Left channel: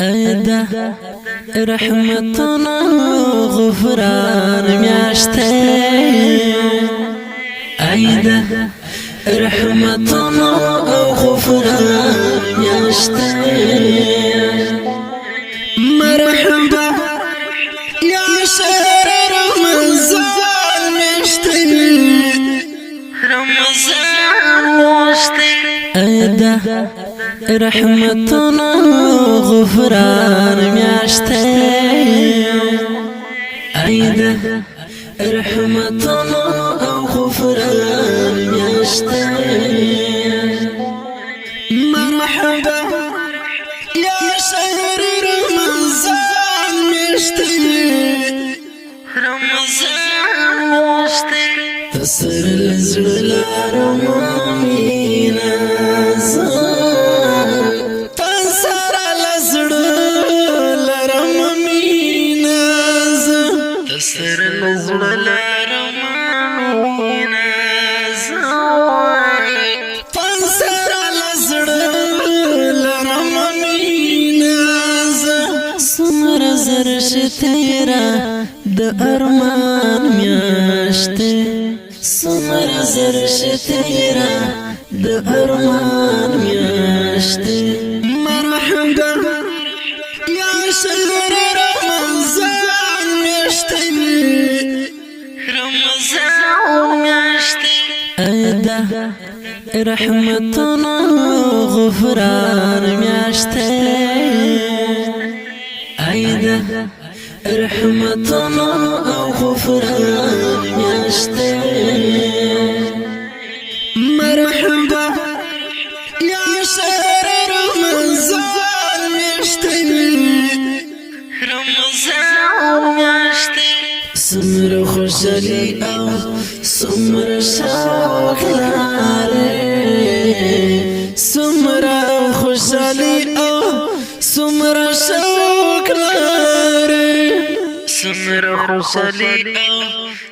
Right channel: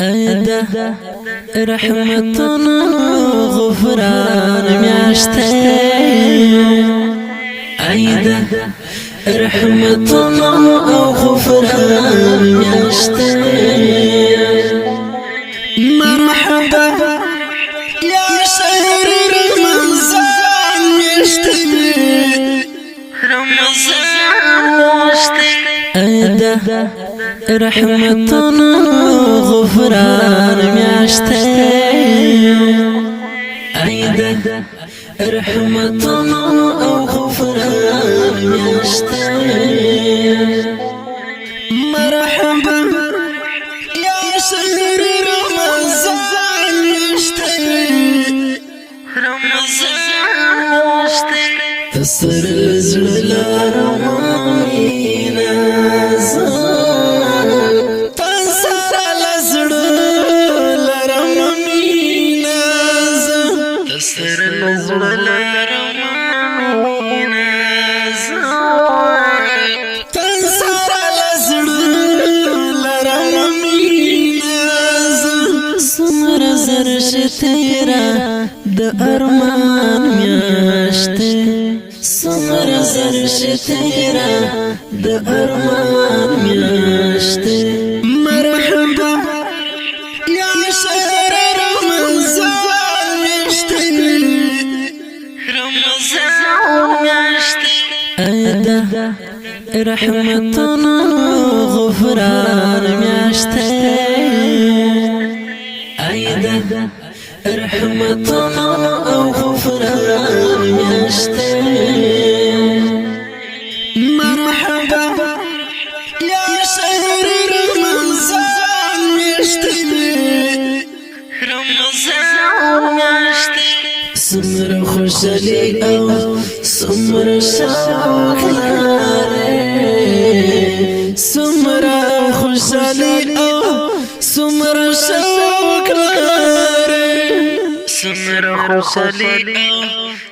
ايده رحمتنا غفران میاشته ايده رحمتنا غفران میاشته مرحبا يا شهر رمضان میاشته رمضان میاشته ايده رحمتنا غفران میاشته ايده رحمتنا غفران میاشته مرحبا يا شهر رمضان میاشته رمضان میاشته تسر الزلال مامينا تسر الزلال مامينا تنسر الزلال مامينا سمر زرش تیرا د ارمان میاشته سمر زرش تیرا د ارمان میاشته مرحبا يا شهر رمضان میاشته رمضان میاشته ايده رحمتنا غفران میاشته ايده رحمتنا غفران میاشته مرحبا يا شهر رمضان میاشته رمضان میاشته سمر خوشحالی او سمر شوق لاره سمر خوشحالی او سمر شوق لاره سمر خوشحالی او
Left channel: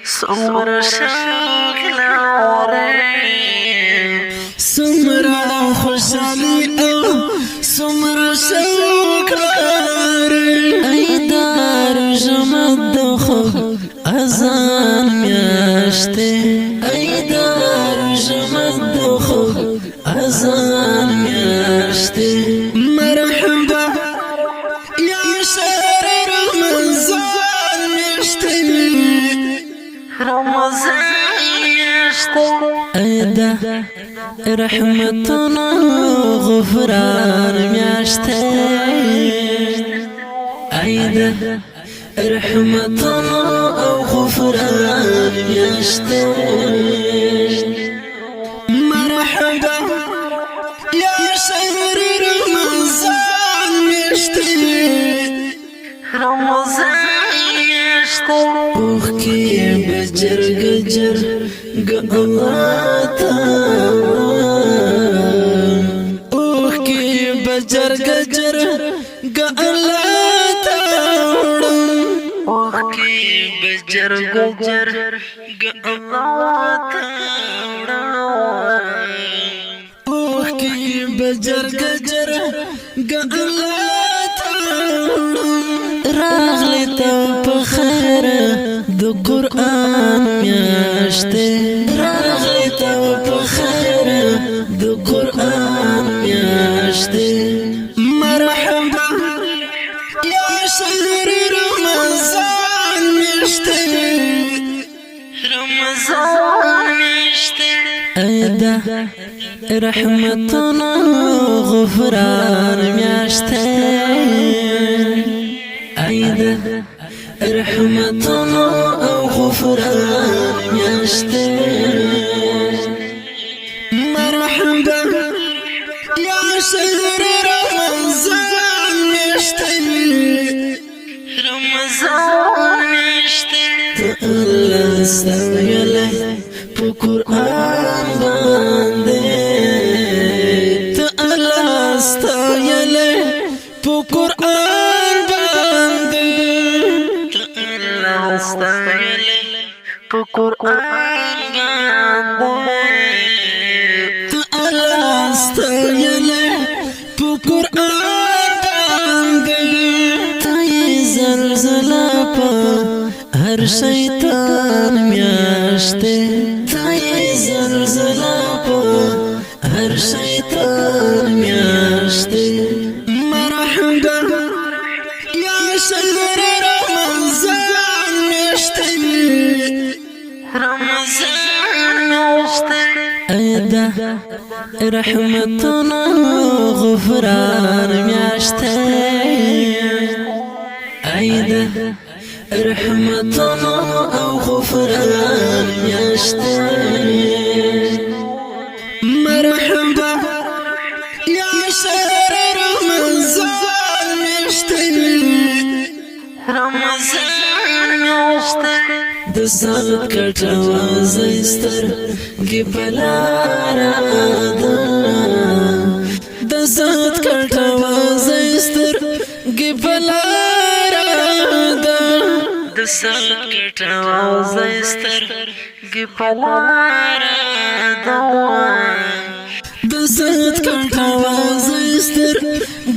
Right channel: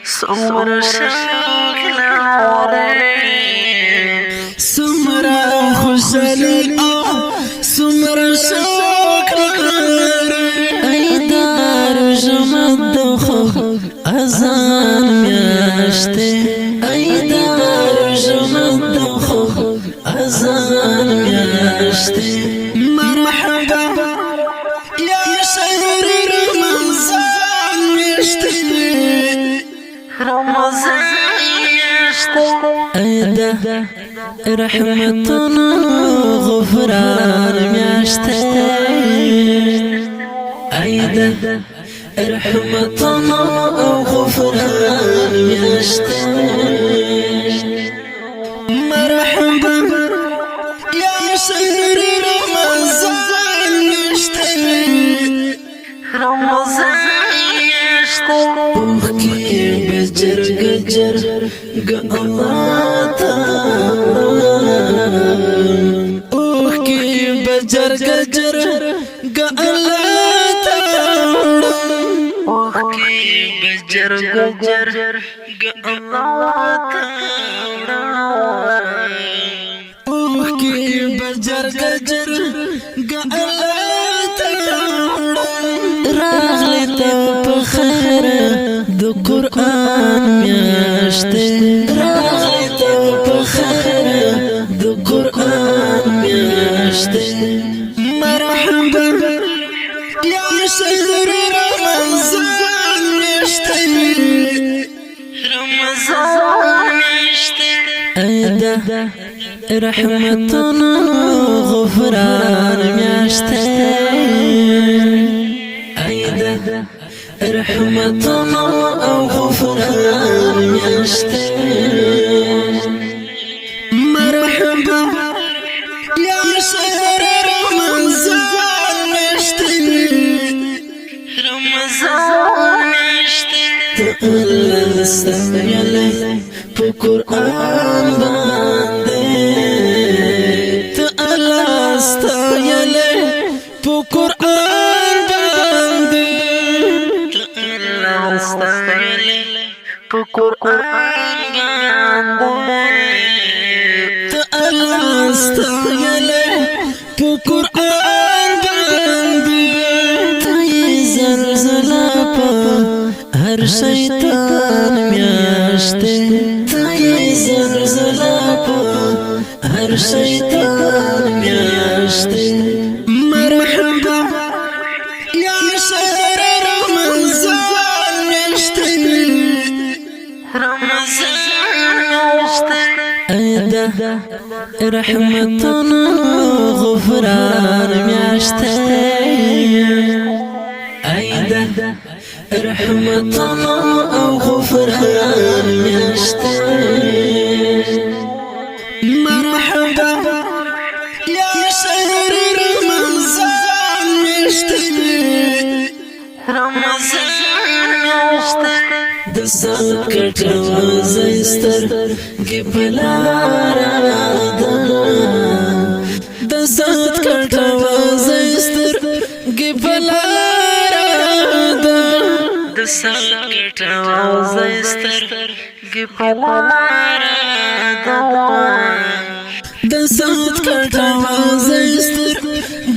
سمر شوق لاره سمر خوشحالی او سمر شوق لاره ای دارو جمد خوب اذان میاشته ای دارو جمد خوب اذان میاشته مرحبا يا شهر رمضان میاشته رمضان میاشته ايده رحمتنا غفران میاشته ايده رحمتنا غفران میاشته مرحبا يا شهر رمضان میاشته رمضان میاشته اوه کی بجرگ جرگ الله تعالی اوه کی بجرگ جرگ الله تعالی اوه کی بجرگ جرگ الله تعالی اوه کی بجرگ جرگ الله تعالی راغلی ته په خیر د قران میاشته راغلی ته په خیر د قران میاشته مرحبا يا شهر رمضان میاشته رمضان میاشته ايده رحمتنا غفران میاشته ايده رحمتنا غفران میاشته مرحبا يا شهر رمضان میاشته رمضان میاشته الله استویلی په قرآن باندې ته الله استویلی په قرآن باندې ته الله استویلی په قرآن باندې ته په قرآن باندې تای زلزله په هر شیطان میاشته تای زلزله په هر شیطان میاشته مرحبا یا شهر رمضان میاشته رمضان میاشته ایده رحمتنا غفران میاشته ایده رحمتنا او غفران میاشته مرحبا یا شهر رمضان میاشته رمضان میاشته د سات کټوا زستر گی پلارا دا د سات کټوا زستر گی پلارا دا د سات کټوا زستر گی پلارا دا د سات کټوا زستر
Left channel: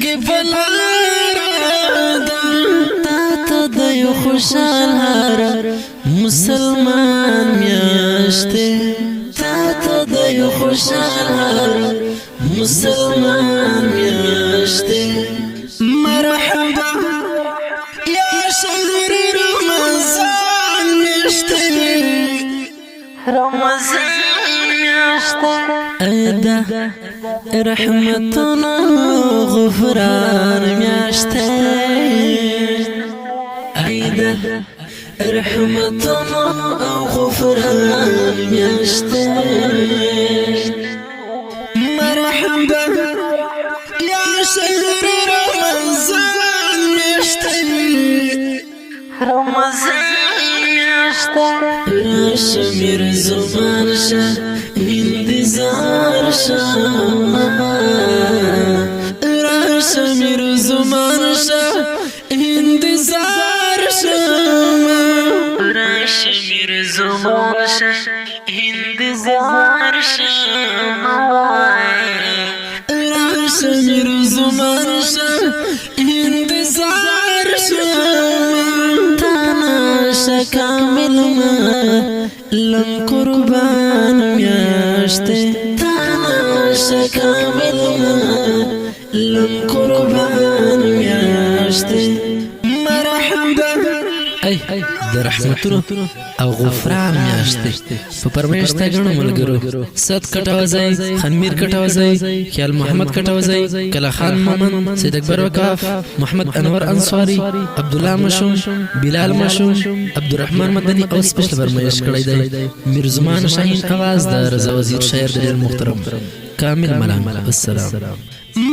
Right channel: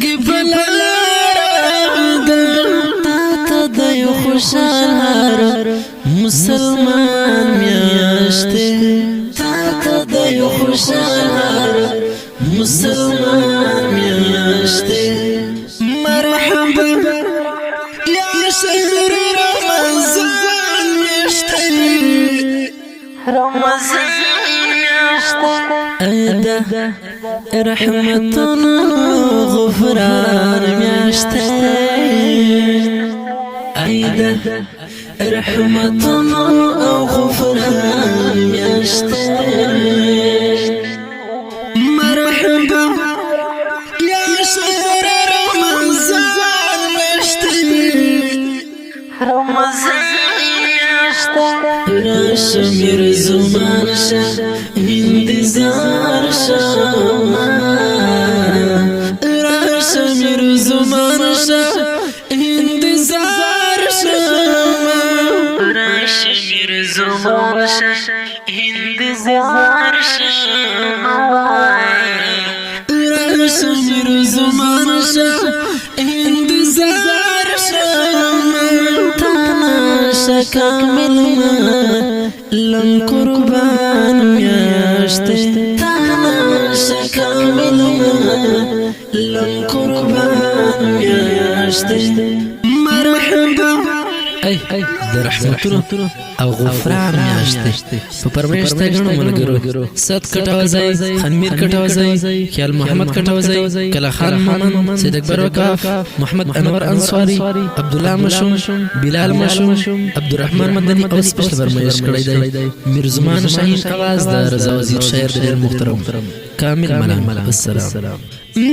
گی پلارا دا تا د یو خوشال هر مسلمان میاشته تا تا د یو خوشال هر مسلمان میاشته مرحبا یا شهر رمضان میاشته رمضان میاشته ایده رحمتنا غفران میاشته ایده رحمتنا او غفران میاشته مرحبا یا شهر رمضان میاشته رمضان میاشته راشمیر زمان شه انتظار شه راشمیر زمان شه انتظار شه راشمیر زمان شه انتظار شه راشمیر زمان شه انتظار شه تانا شکامل ما لم قربان میاشته تانا شکامل ما لم قربان میاشته مرحبا ای د رحمتونو او غفران میاشته په پرمیشته غنو ملګرو صد کټوازی خنمیر کټوازی خیال محمد کټوازی کلا خان مومن سید اکبر وقاف محمد انور انصاری عبد الله مشوم بلال مشوم عبدالرحمن مدنی او سپیشل فرمایش کړی دی میرزمان شاهین आवाज د رضا وزیر شاعر د محترم کامل ملنګ السلام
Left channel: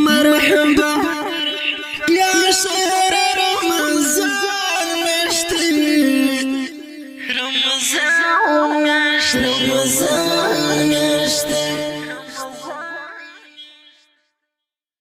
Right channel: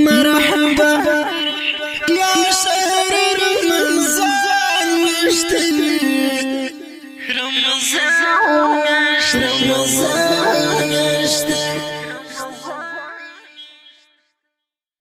مرحبا یا شهر رمضان میاشته رمضان میاشته